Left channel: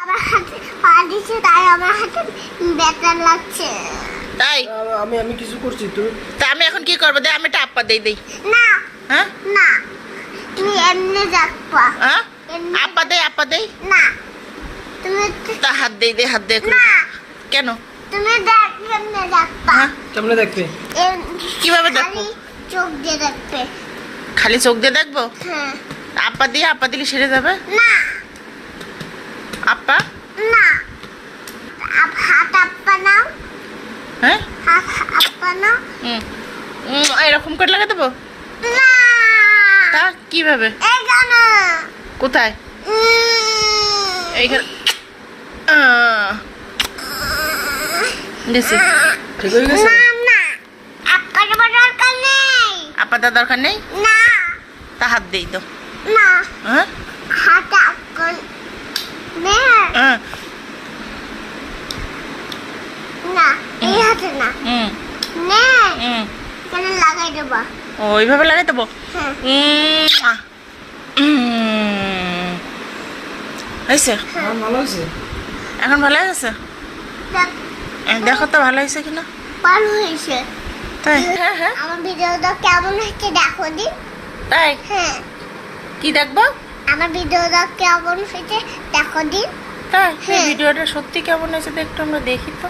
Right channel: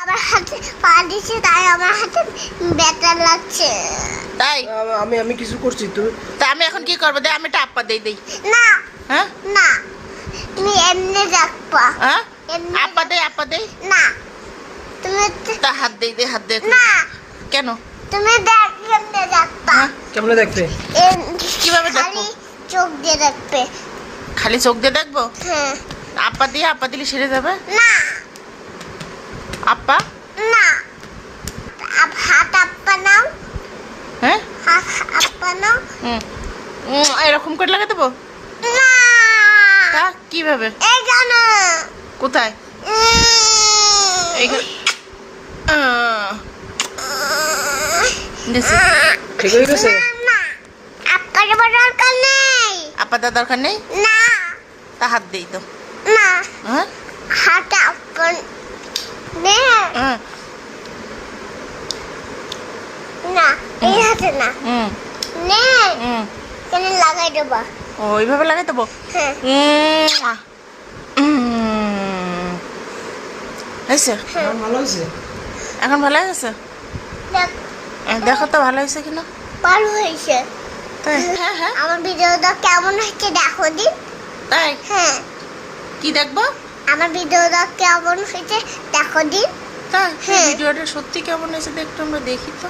আমার হাতে পা দিচ্ছে তাই আমার হাতে ব্যথা লাগছে। তাই? আমি আমি কিছু করছি তুমি তা আমি এখন কি করব? দে আমি দেই দেই। না হ্যাঁ? না তুমি এমনি রাখবা হ্যাঁ? আপা দেই আপা দেই? না তুমি তা হাত দেই দে হাত দে না কেন? তুমি দেখ এমনি রাখবা হ্যাঁ? কেমনে দেখতে কীভাবে দেখব? খালি চোখ দিয়ে খালি চোখ দিয়ে দেখব? হ্যাঁ। আপা দিয়ে আপা দিলে সেরে যাবে? না। আপা না হাত আপা নাও হ্যাঁ আপা নাও এরকম করে লাগা দেবো তা কীভাবে? কোথায়? এইখানে। ঠিক হয়ে গেছে? আপনার দরকার নেই। আপা দেওয়ার দরকার নেই? না। তা হাত দেই তো। না। হ্যাঁ? হাত হ্যাঁ না এই হাতে না। হুম। নে হুম। কেন লাগাই দেবা। ও ওইভাবে লাগাই দেবো? হ্যাঁ। হয়েছে? ভালো হয়েছে। এখন ভালো হয়েছে? দেখ তো ভালো হয়েছে কিনা? ভালো হয়েছে। তাই? হ্যাঁ হ্যাঁ। আমার ভিডিওটা কেমন হচ্ছে দেখো দিন তাই? হ্যাঁ। কি দেখব? আমার ভিডিওটা কেমন হয়েছে দেখো দিন তাই হ্যাঁ। ভিডিওটা সত্যি কেমন হয়েছে একটু আমরা দেখি তো